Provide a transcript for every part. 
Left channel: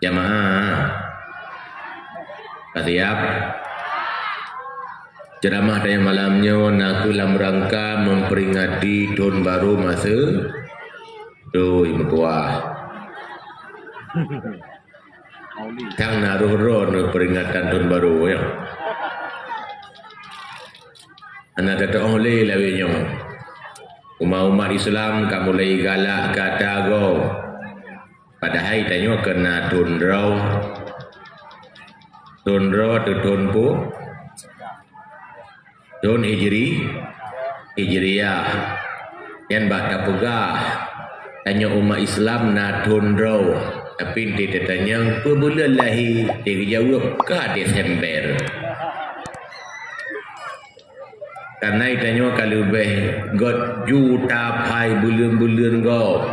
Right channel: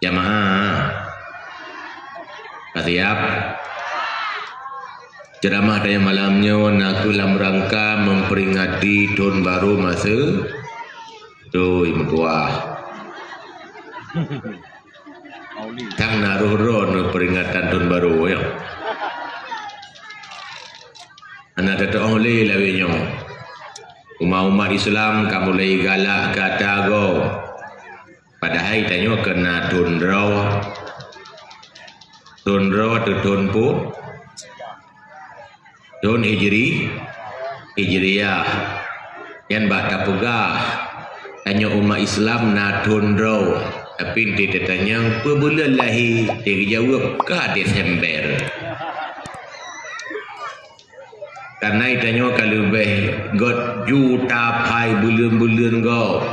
Jamaah siap. Ceramah dari malamnya naku dalam rangka memperingati tahun baru masa tu ibu tua. Tang naruh ron peringatan tahun baru ya. Anak kata oleh lawinya. Umat Islam kamu mulai galak kata go. Padahal tanya kena tundraw atau tunpu tun hijriyah yang bakal pegah tanya umat Islam na tundraw tapi dia tanya bulan lahir dia jawab ke Desember karena tanya kalau god juta pai bulan-bulan go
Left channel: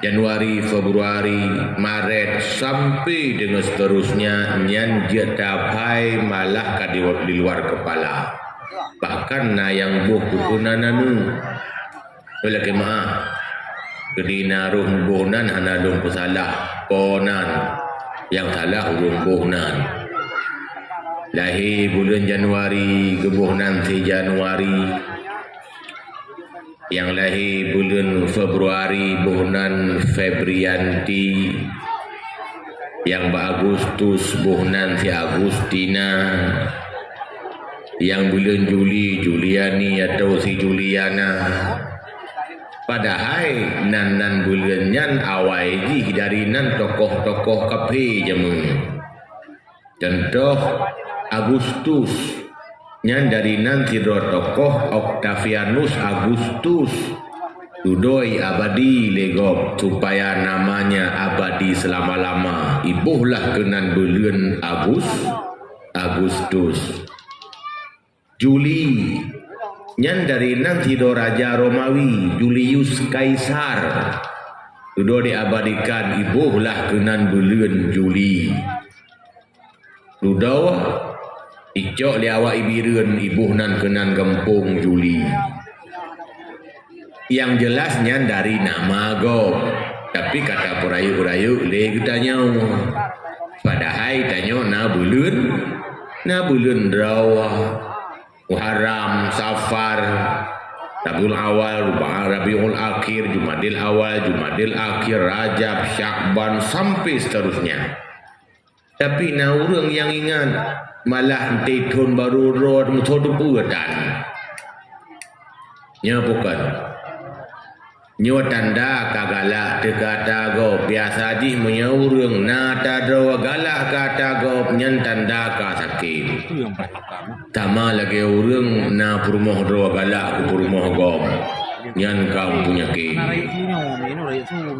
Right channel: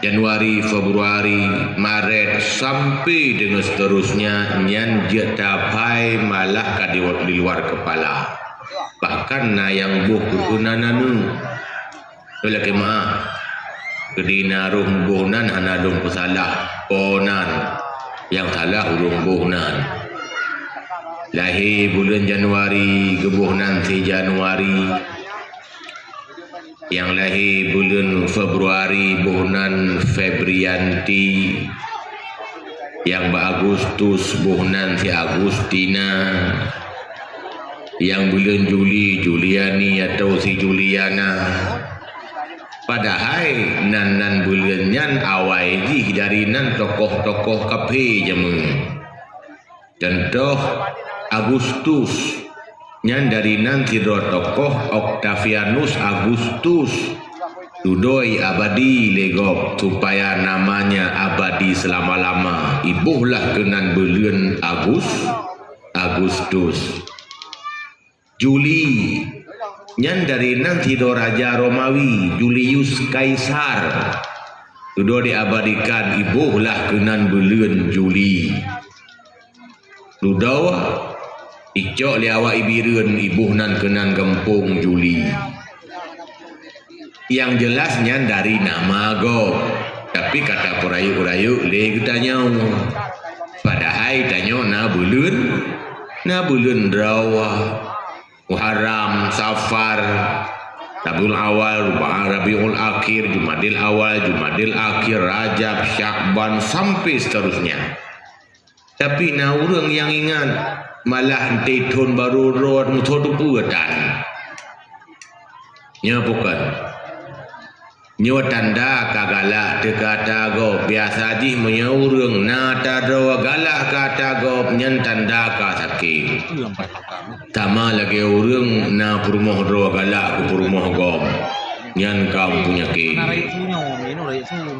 Januari, Februari, Maret sampai dengan seterusnya yang dia capai malah di luar kepala. Bahkan na yang buh kukunan anu. Lagi maaf. Kedina rum buhnan anadung pesalah ponan yang salah urung buhnan. Lahir bulan Januari gebuhnan si Januari. Yang lahir bulan Februari bulan Febrianti, yang Agustus bulan si Agustina, yang bulan Juli Juliani atau si Juliana. Padahal nan bulan nyan awal ji dari nan tokoh-tokoh kape jamu. Contoh Agustus nyan dari nanti tokoh Octavianus Agustus dudoi abadi legop supaya namanya abadi selama-lama ibuhlah kenan bulan Agustus. Juli nyan dari nanti Raja Romawi Julius Kaisar dudoi diabadikan ibuhlah kenan bulan Juli. Dudau Icok liawak ibiran ibuhnan kenan gempung Juli. Yang jelasnya dari nama go. Tapi kata perayu-perayu le kita nyau. Padahal tanya na bulan Rawa, Muharram, Safar, Rabiul Awal, Rabiul Akhir, Jumadil Awal, Jumadil Akhir, Rajab, Syakban sampai seterusnya. Tapi na orang yang ingat malah nanti tahun baru road mutu buatan. Nya bukan. Nyo tanda kagala dekata go biasa di menyaurung nata do galak kata go nyen tanda ka sakit. Tama lagi urang na purmoh do galak ku purmoh gom. Nyan kam punya ke.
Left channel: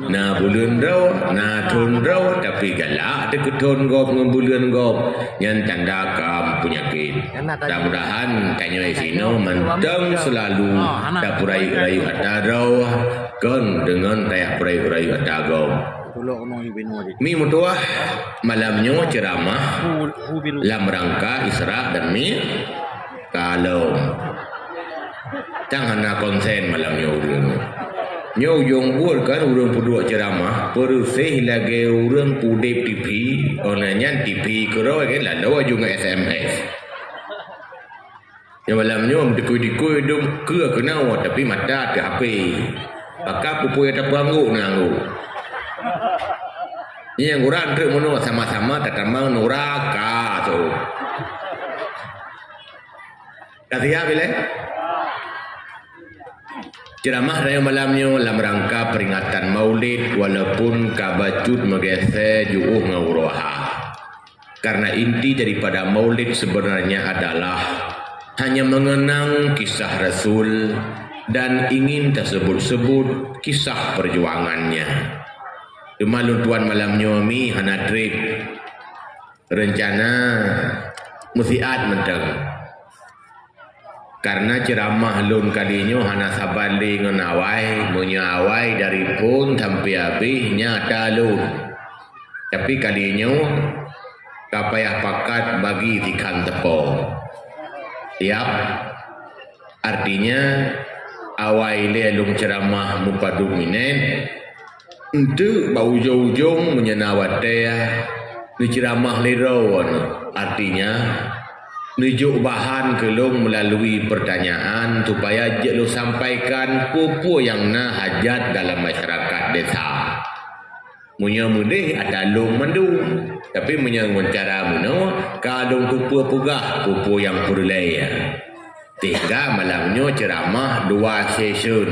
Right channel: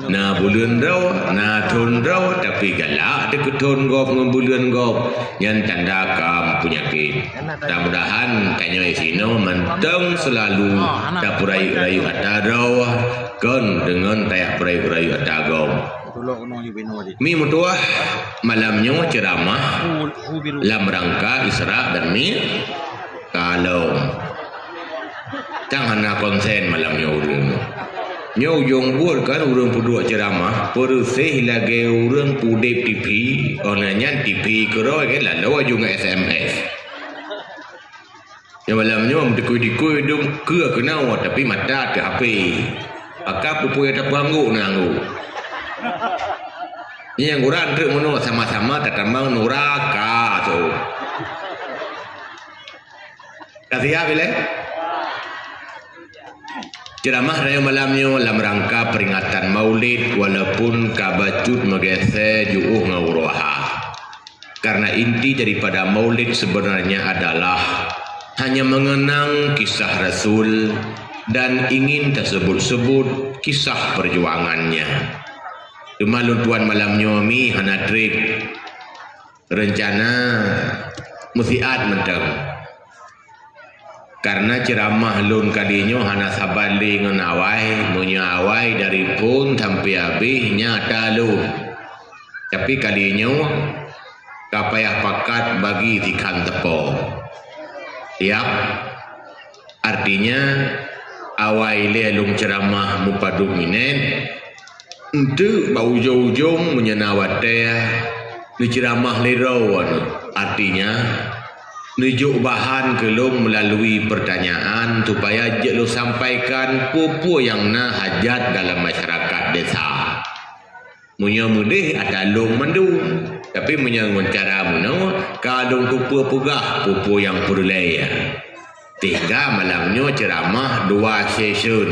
Na bulan do, na tahun do tapi galak deket tahun gop ngembulan gop. Nyan tanda kam punya ke. Mudah-mudahan tanya isino mentang selalu dapurai-rai atadau kan dengan teh purai-purai atagom. Mi mutuah malamnya ceramah dalam rangka Isra dan Mi kalau jangan nak konsen malamnya urang. Nyau yang buat kan urang pudua ceramah perusih lagi urang pudep TV onanya TV kerau kan lalu juga SMS. Yang malamnya dikui-dikui dum ke kenau tapi mata ke HP. Pakak pupui tak banggu nanggu. Ini yang urang ke menua sama-sama terkembang nuraka tu. Kasih ya bila? Ceramah dari malamnya dalam rangka peringatan Maulid walaupun kabacut megese juuh ngauroha. Karena inti daripada Maulid sebenarnya adalah hanya mengenang kisah Rasul dan ingin tersebut-sebut kisah perjuangannya. Cuma tuan malamnya mi hana trip rencana musiat mentang. Karena ceramah lun kadinya hana sabali ngenawai menyawai dari pun sampai habis nyata lu. Tapi kadinya kapayah pakat bagi tikan tepo. Siap. Artinya awai le lung ceramah mupadu minen Itu bau ujung-ujung menyenawatea ceramah lero, artinya nujuk bahan kelong melalui pertanyaan supaya je lo sampaikan apa yang na hajat dalam masyarakat desa. Munya mudih ada long mandung, tapi munya cara muno kadung kupu pugah pupu yang purlaya. Tiga malamnya ceramah 2 session,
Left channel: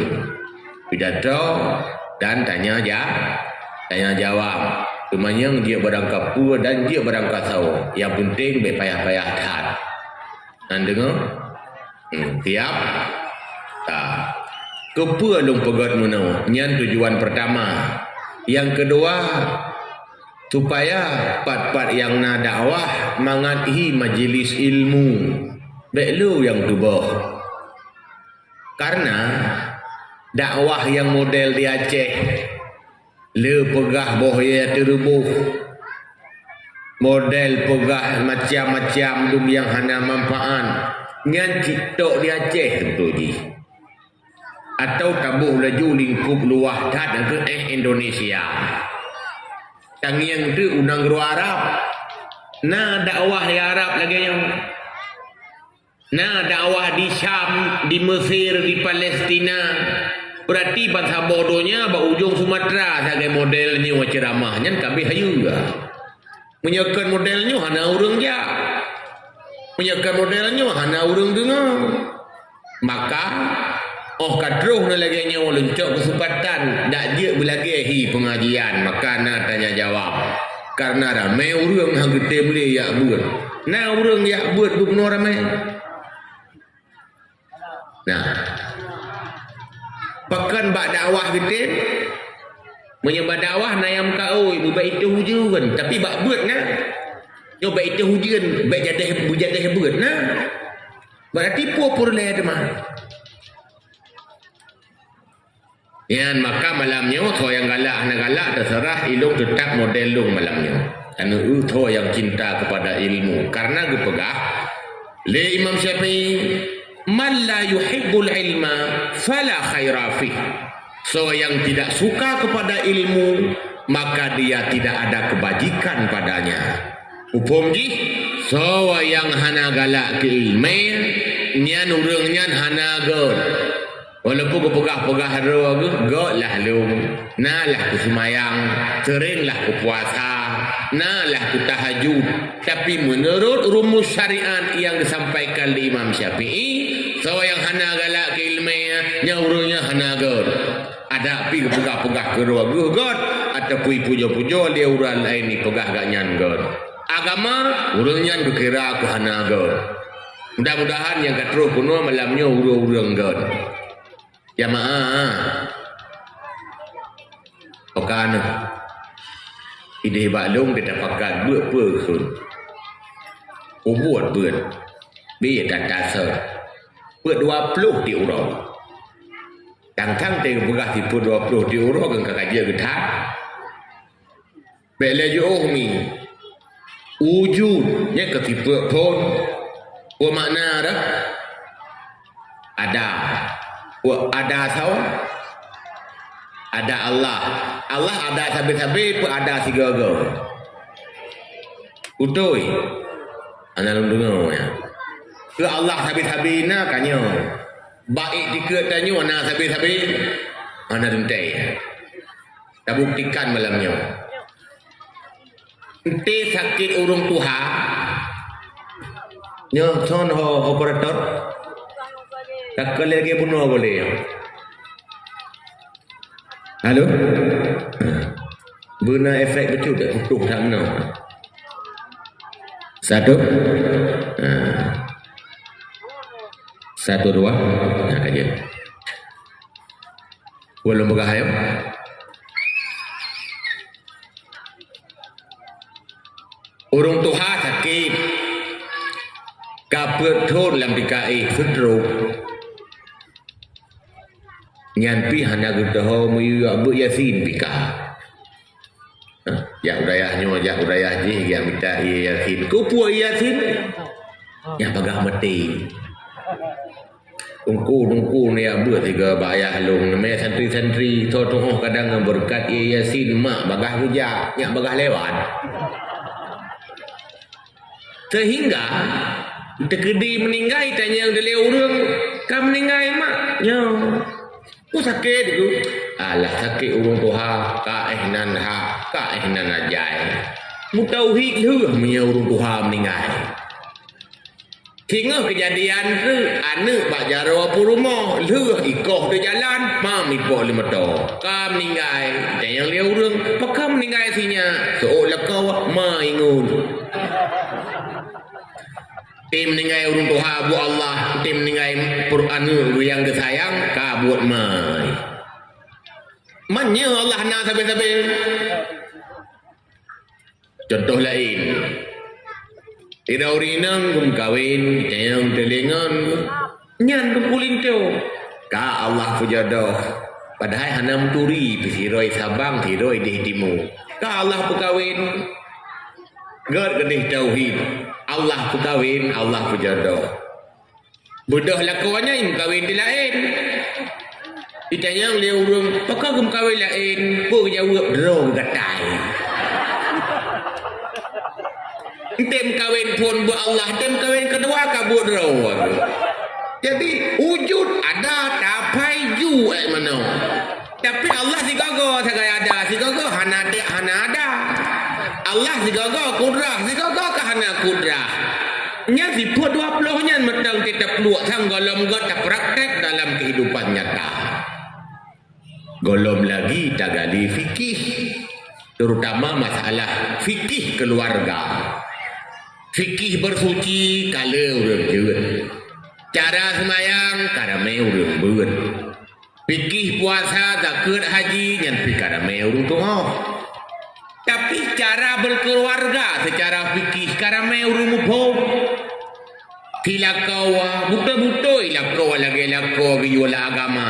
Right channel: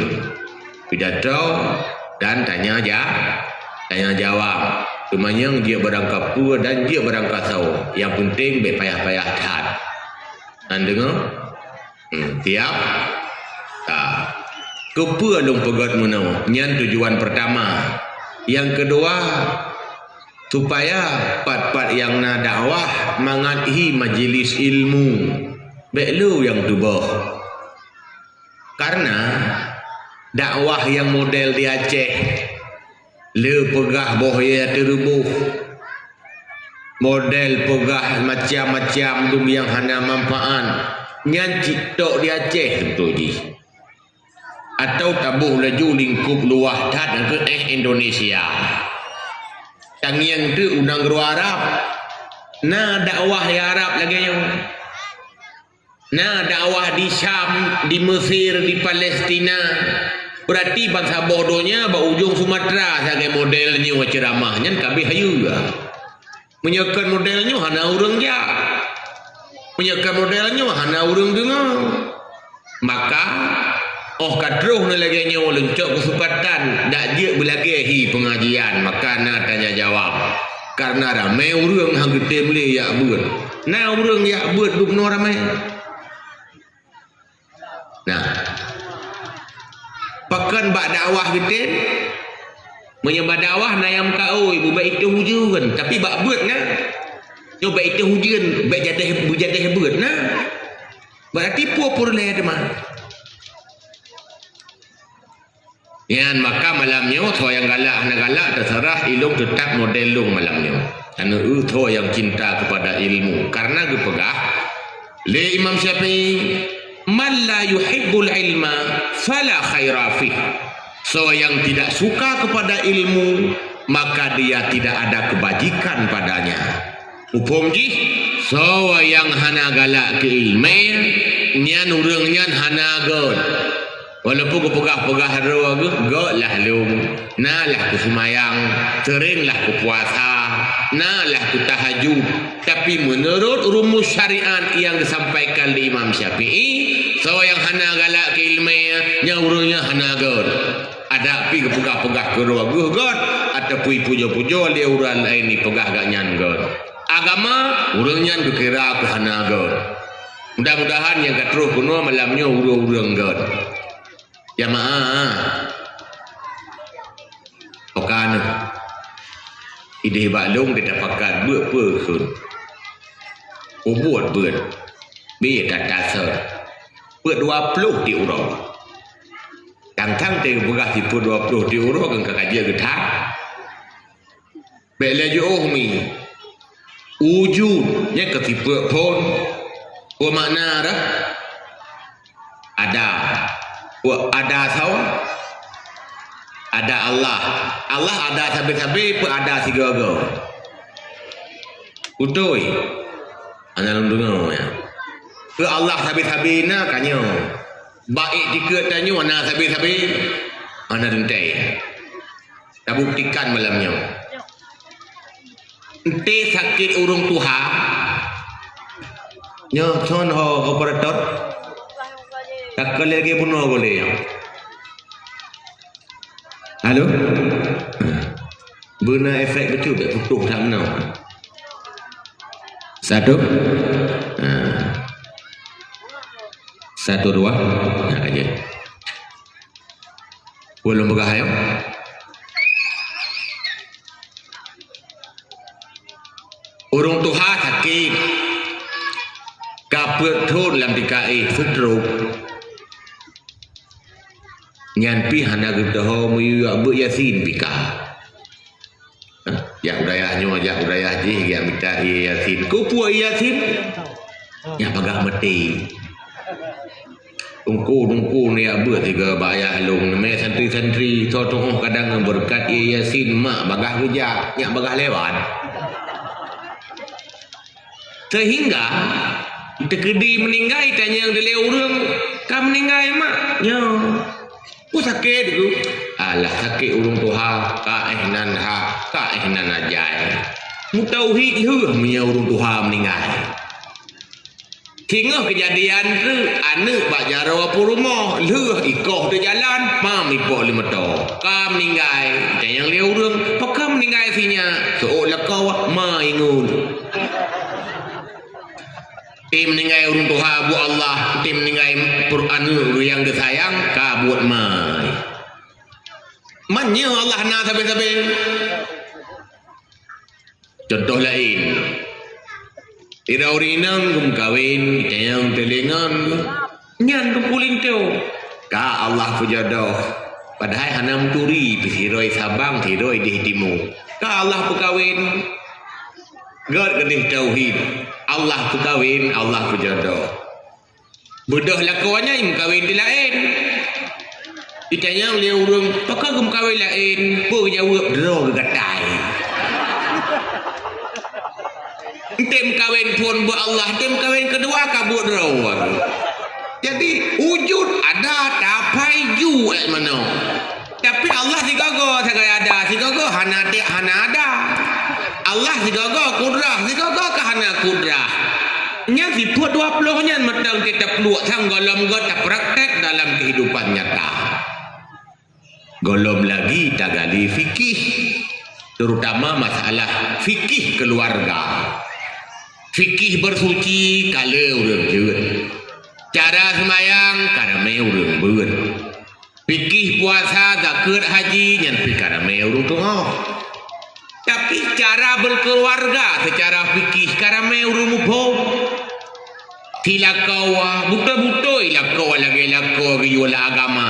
pidato dan tanya jawab. Kemanyang dia berangkat pua dan dia berangkat tahu. Yang penting berpayah-payah taat. Dan dengar? Tiap? Tak. Kepua long pegat muno. Nyan tujuan pertama. Yang kedua, supaya part-part yang na dakwah mengasihi majlis ilmu. Beklu yang tubuh. Karena dakwah yang model di Aceh, le pegah bohya terubuh, model pegah macam-macam dum yang hana manfaat, ngan citok di Aceh tentu di. Atau tabuh laju lingkup luah tat ke Indonesia. Tang yang tu unang guru Arab. Na dakwah di Arab lagi yang. Na dakwah di Syam, di Mesir, di Palestina. Berarti bangsa bodohnya ujung Sumatera sebagai modelnya ceramahnya kabeh hayu juga. Menyekan modelnya hana urang ja. Menyekan modelnya hana urang dengar. Maka kadroh na lagi nyawa lencok kesempatan dak dia belagi pengajian maka na tanya jawab. Karena ramai urang hang gede boleh ya buat. Na urang ya buat duk no ramai. Nah, pakan bak dakwah gede menyembah dakwah na yang kau ibu baik itu hujan tapi bak buat na nyoba itu hujan baik jadah buat na berarti pur le ada mah. Yan maka malamnya tho yang galak terserah ilmu tetap model long malamnya. Karena tho yang cinta kepada ilmu karena gepegah le Imam Syafi'i man la yuhibbul ilma fala khaira fih. So yang tidak suka kepada ilmu maka dia tidak ada kebajikan padanya. Upom ji so yang hana galak ke ilmu nyan urang nyan hana god. Walaupun kepegah-pegah roh god lah lum. Nalah ku semayang, seringlah ku puasa, nalah ku tahajud. Tapi menurut rumus syariat yang disampaikan di Imam Syafi'i, so yang hana galak ke ilmu nyaurungnya hana god. Ada pi kepegah-pegah ke roh god atau pujo-pujo dia urang lain ni pegah gak nyan god. Agama urangnya dikira ku hana god. Mudah-mudahan yang katruh kuno malamnya urang god. Jamaah Okan ide baklung kita pakai buat pun buat biar tak kasar buat 20 di urang tangkang teh begah di 20 di urang kan kajian getah bela jo mi wujud yang ketipe pun makna dah ada saw ada Allah ada sabi-sabi pun ada sigaga utoi ana lundung ya ke Allah sabi-sabi na kanyo baik dikeut tanyo ana sabi-sabi ana dentai tak buktikan malamnya ente sakit urung tuha nyo son ho operator tak lagi bunuh boleh. Halo? Benar efek betul tak tutup sana. Satu. Satu dua. Nah aja. Belum bergahaya. Urung tuha sakit. Kaput thôn làm TKI stroke. Nyan pi hana gutaho mu abu yasin pika. Ya udayah ji ya minta yasin. Ku pu yasin. Ya pagah mati. Tungku ni apa tiga bayar long namanya santri-santri totoh kadang berkat yasin mak bagah kerja nyak bagah lewat sehingga terkedi meninggal tanya yang dia orang kamu meninggal mak nyo aku sakit tu alah sakit urung tuha ka ihnan ajai mu tauhid lu punya urung tuha meninggal. Hingga kejadian tu anak bak jarawa pu rumah leuh ikoh tu jalan mam ipo lima to kam meninggal dan yang dia urang pakam meninggal sinya seolah kau ma ingun tim meninggal urang tuha bu Allah tim meninggal Quran yang disayang ka buat mai manya Allah na sabe-sabe contoh lain tidak urinang kum kawin yang telingan nyan kumpulin tu ka Allah pujodoh padahal hanam turi pisiroi sabang tiroi di timu ka Allah pukawin god gedih tauhid Allah pukawin Allah pujodoh bodoh lakuannya im kawin di lain ditanya oleh urung pakak kum kawin lain pu jawab dro gatai tem kawin pun bu Allah tem kawin kedua kabut rawang jadi wujud ada tapai ju mana tapi Allah sigago segala ada sigago hana ada Allah sigago kudrah sigago ke hana kudrah nya siput 20 nya metang tetap luak sang golom god praktek dalam kehidupan nyata golom lagi tagali fikih terutama masalah fikih keluarga. Fikih bersuci kala urang jeut. Cara sembayang karame urang beut. Fikih puasa zakat haji nyan karame urang tuh. Tapi cara berkeluarga secara fikih karame urang muphom. Tilakawa buta-buta ilakawa lagi ilakawa wala agama.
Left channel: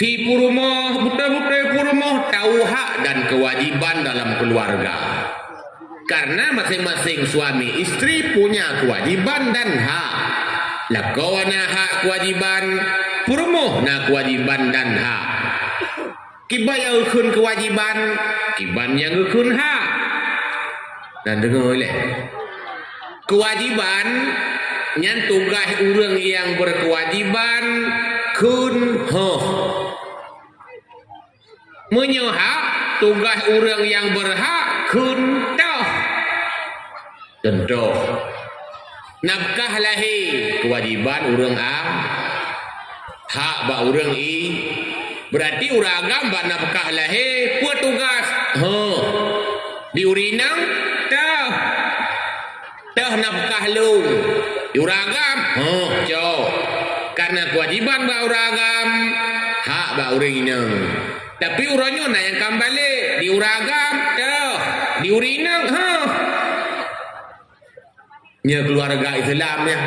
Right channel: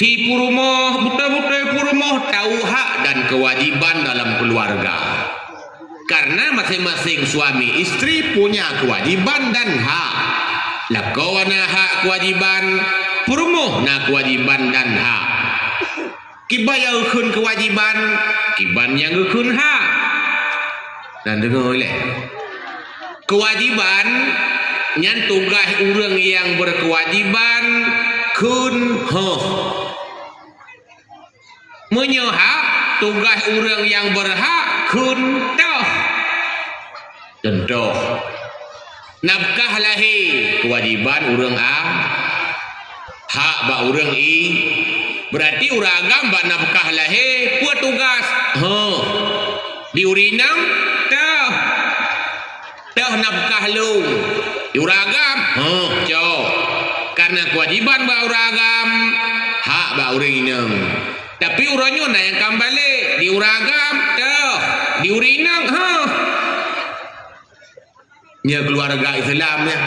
Ti purumoh buta-buta purumoh tahu hak dan kewajiban dalam keluarga. Karena masing-masing suami istri punya kewajiban dan hak. Lakau na hak kewajiban, purumuh na kewajiban dan hak. Kiba yang ukun kewajiban, kiban yang ukun hak. Dan dengar oleh kewajiban yang tugas orang yang berkewajiban kun hoh. Menyehak tugas orang yang berhak kun toh. Contoh nafkah lahir kewajiban urang am hak ba urang i berarti urang agam ba nafkah lahir buat tugas diurinang toh nafkah lu urang agam jauh karena kewajiban ba urang agam hak ba urang inang tapi urangnya na yang kembali di urang agam toh diurinang nya keluarga Islam ya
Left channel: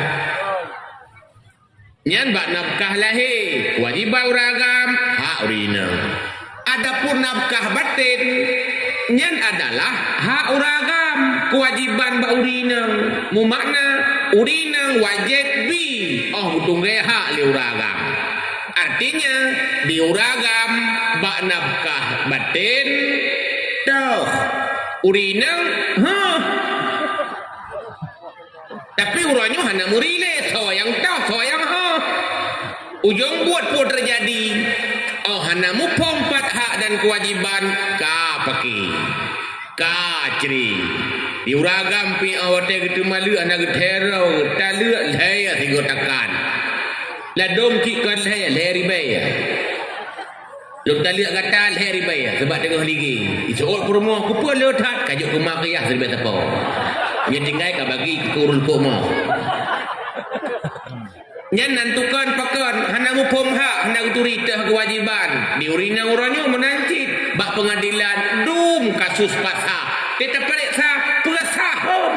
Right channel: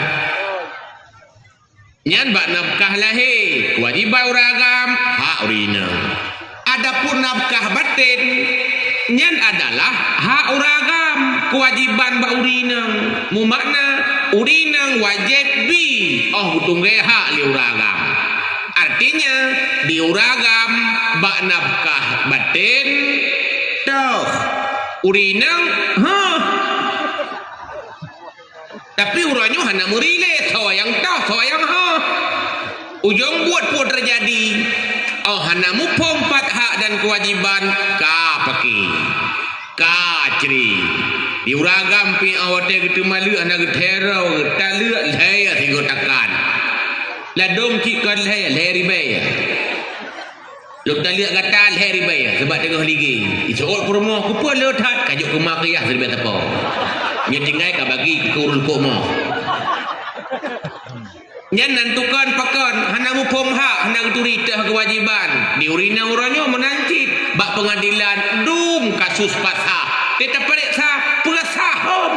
nyan bak nafkah lahir kewajiban uragam hak urina adapun nafkah batin nyan adalah hak uragam kewajiban bak urina mu makna urina wajib bi tunggu hak li uragam artinya di uragam bak nafkah batin toh urina tapi urangnya hanya merileh yang tahu yang ujung buat pun terjadi hanya mupompat hak dan kewajiban ka paki ka ceri diuragam pi awate gitu malu anak getero talu laya tigo takan la dom ki kan laya leri bay lok talia gata leri bay sebab tengah ligi isol promo ku pun letat kajuk kumak ya sebab apa yang tinggal ka bagi kurun pomo nyan nantukan pakan hana mupom hak hana turita kewajiban diurina uranyo menancit bak pengadilan dum kasus pasah kita periksa pesahom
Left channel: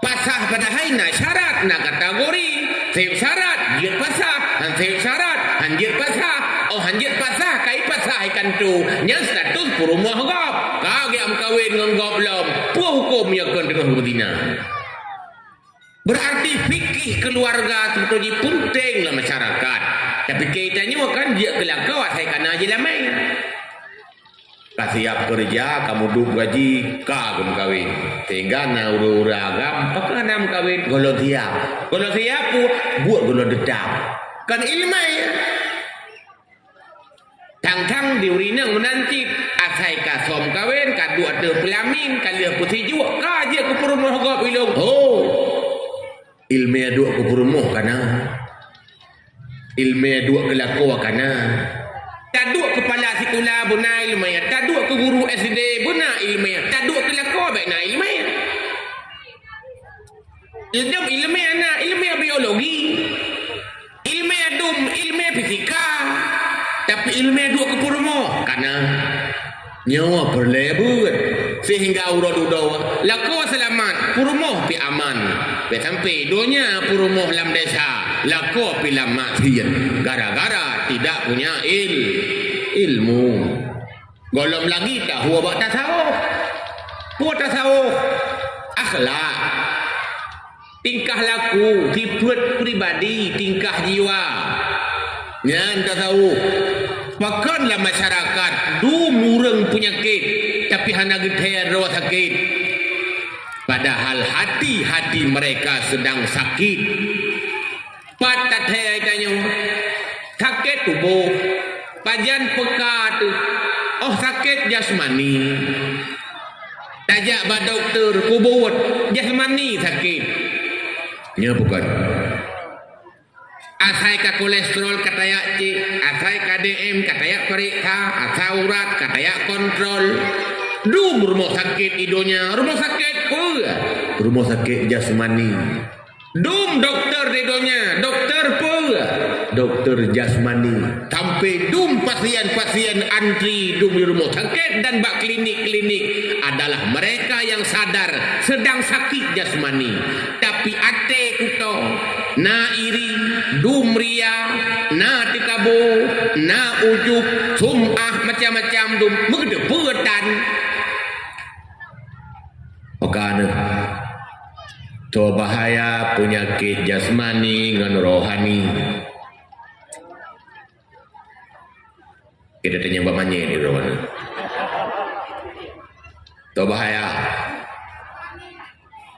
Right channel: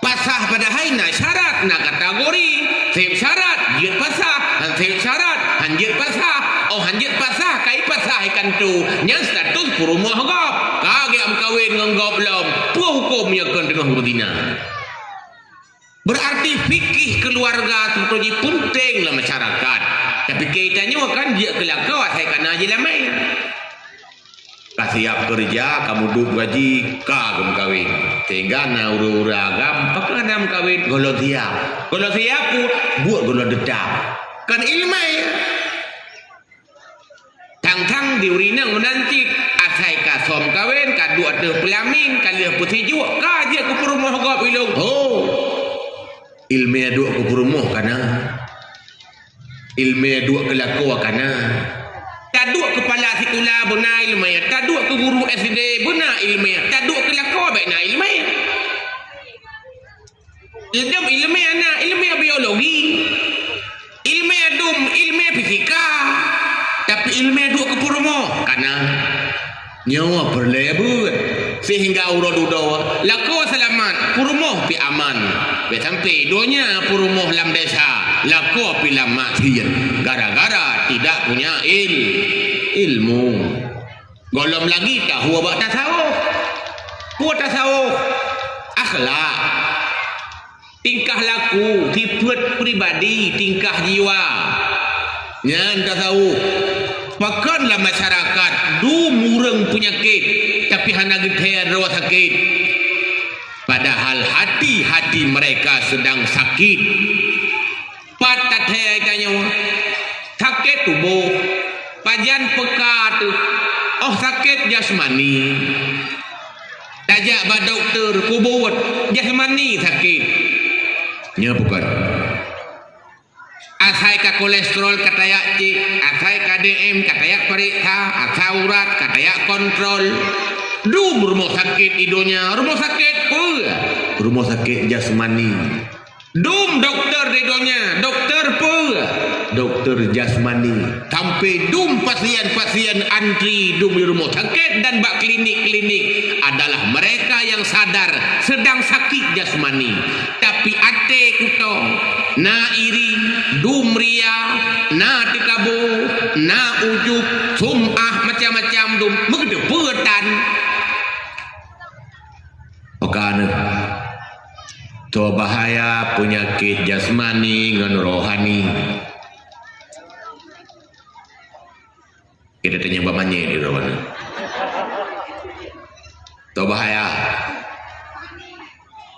pasah pada haina syarat na kategori sip syarat jit pasah dan sip syarat hanjit pasah hanjit pasah kai pasah ikan tu nyan status purumah gop kage am kawin nganggop lom hukum yang akan tengah berdina berarti fikih keluarga sebetulnya penting lah masyarakat. Tapi kaitannya kan dia kelakau saya kena aja lamai. Siap kerja, kamu duduk gaji, kamu kawin. Sehingga na ura-ura agam, pakanam kawin, golong siap. Golong siap pun, buat golong dedam. Kan ilmai. Tang-tang diurina menanti, asai kasom kawin, kadu ada pelamin, kalian putih juga, kaji aku perumah gak bilang. Oh, ilmai dua aku perumah kana. Ilmai dua kelaku kana. Taduk kepala sekolah bena ilmiah, taduk ke guru SD bena ilmiah, taduk ke lakau bena ilmiah. Ilmu ilmiah na ilmiah biologi, ilmiah dum, ilmiah fisika, tapi ilmiah duk ke purmo karena nyawa berlebur sehingga urut udawa lakau selamat, purmo pi aman, pi sampai donya purmo lam desa. Laku pilam maksiat gara-gara tidak punya ilmu. Golom lagi tahu abak tasawuf. Buat tasawuf akhlak, tingkah laku, sifat pribadi, tingkah jiwa. Nyan tasawuf. Pakanlah masyarakat mureng penyakit tapi hana gede rawa sakit. Padahal hati-hati mereka sedang sakit. Patat hai tanya sakit tubuh pajan pekat sakit jasmani tajak ba doktor kubut jasmani sakit nya bukan asai ka kolesterol katayak C asai ka DM katayak periksa asai urat katayak kontrol rumah sakit idonya rumah sakit pun rumah sakit jasmani dokter didonya, dokter apa? Dokter jasmani. Sampai pasien-pasien antri di rumah sakit dan bak klinik-klinik adalah mereka yang sadar sedang sakit jasmani. Tapi ate kuto, na iri, ria, na tikabu, na ujub, sum'ah macam-macam megdepetan. Okana. So bahaya penyakit jasmani dengan rohani. Kita tanya bapaknya di rohani. So bahaya.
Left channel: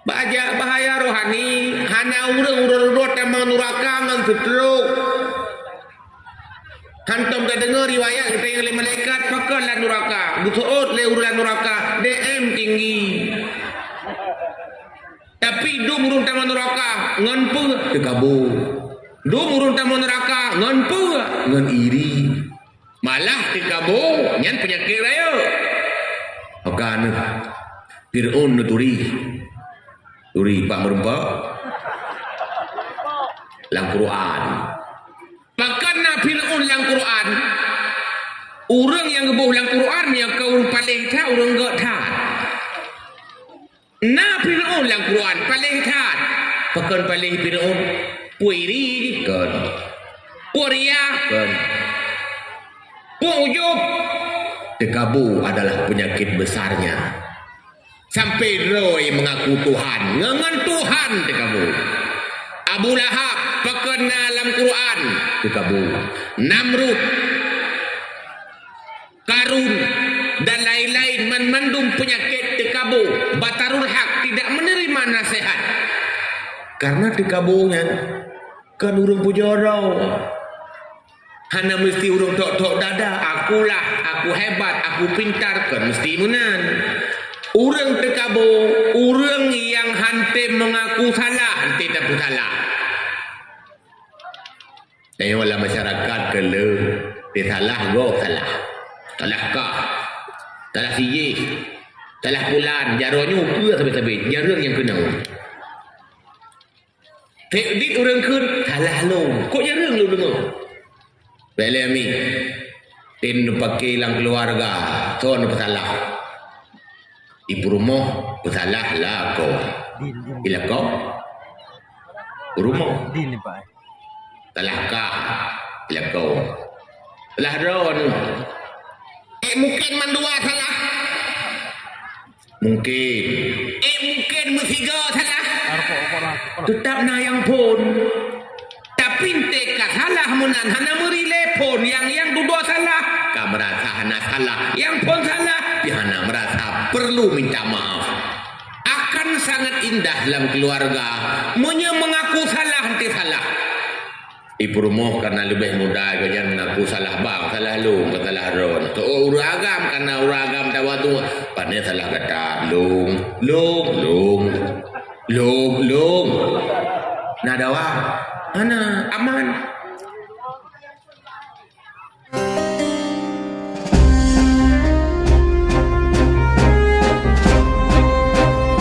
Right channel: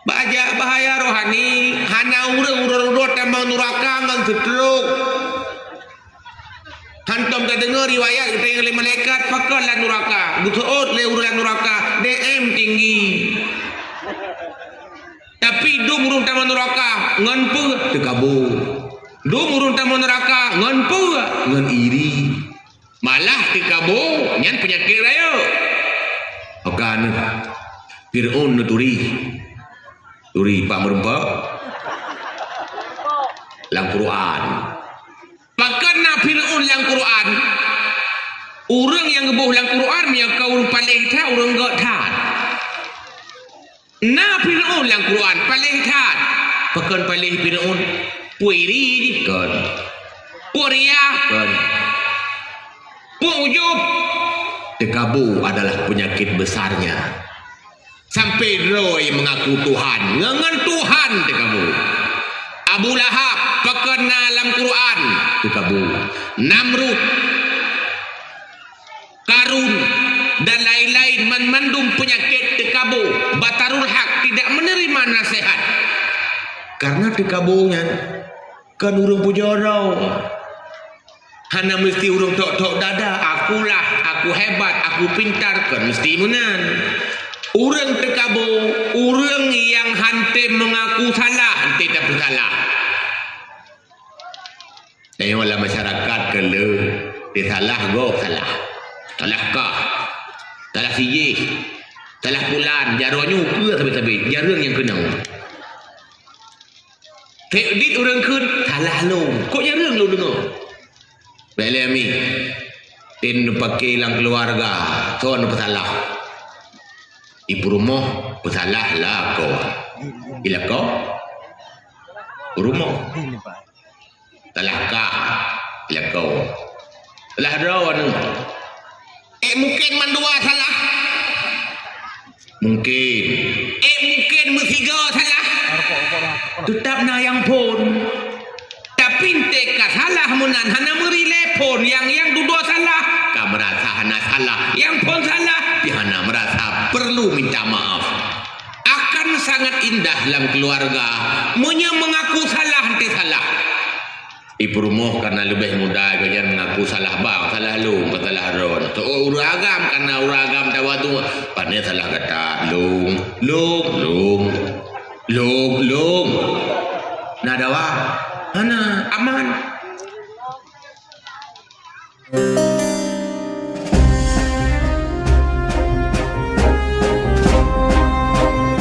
Bahaya rohani. Hana urut tambang nuraka ngan sutruk. Hantam ke dengar riwayat kita oleh malaikat pakarlah nuraka. Butuot le urulan nuraka. DM tinggi. Tapi urung taman neraka ngan pu tekabur. Urung taman neraka ngan pu ngan iri. Malah tekabur nyan penyakit raya. Akan Fir'aun turi pak merempak lang Quran. Bahkan Fir'aun lang Quran. Orang yang ngebuh lang Quran yang kau paling tahu orang gak tahu. Na Fir'aun lang Quran paling kat pakan paling Fir'aun puiri kan puria kan ujub tekabu adalah penyakit besarnya sampai Roy mengaku Tuhan ngangan Tuhan tekabu Abu Lahab pakan dalam Quran tekabu Namrud Karun dan lain-lain mandum penyakit tekabu batarul hak tidak menerima nasihat karena tekabunya kan urung pujorau hana mesti urung tok-tok dada aku hebat aku pintar kan mesti menan urang tekabu urang yang hante mengaku salah hante tak salah ayolah masyarakat kalau dia salah go salah kah salah siyih salah bulan jaronya ke sampai jarang yang kenal teknik orang kun salah lo kok jarang lo dengar belami tin pakai lang keluarga tuan bersalah ibu rumah bersalah lah kau bila kau rumah salah kah bila kau salah ron mungkin mandua salah mungkin mungkin bertiga salah Tetap na yang pun. Tapi teka salah munan hana merile pun yang dua salah. Ka merasa hana salah. Yang pun salah. Hana merasa perlu minta maaf. Akan sangat indah dalam keluarga. Mengaku salah nanti salah. Ibu rumah karena lebih muda jangan mengaku salah bang, salah lu, salah ron. Oh uragam karena uragam tawa tu. Pandai salah kata lung.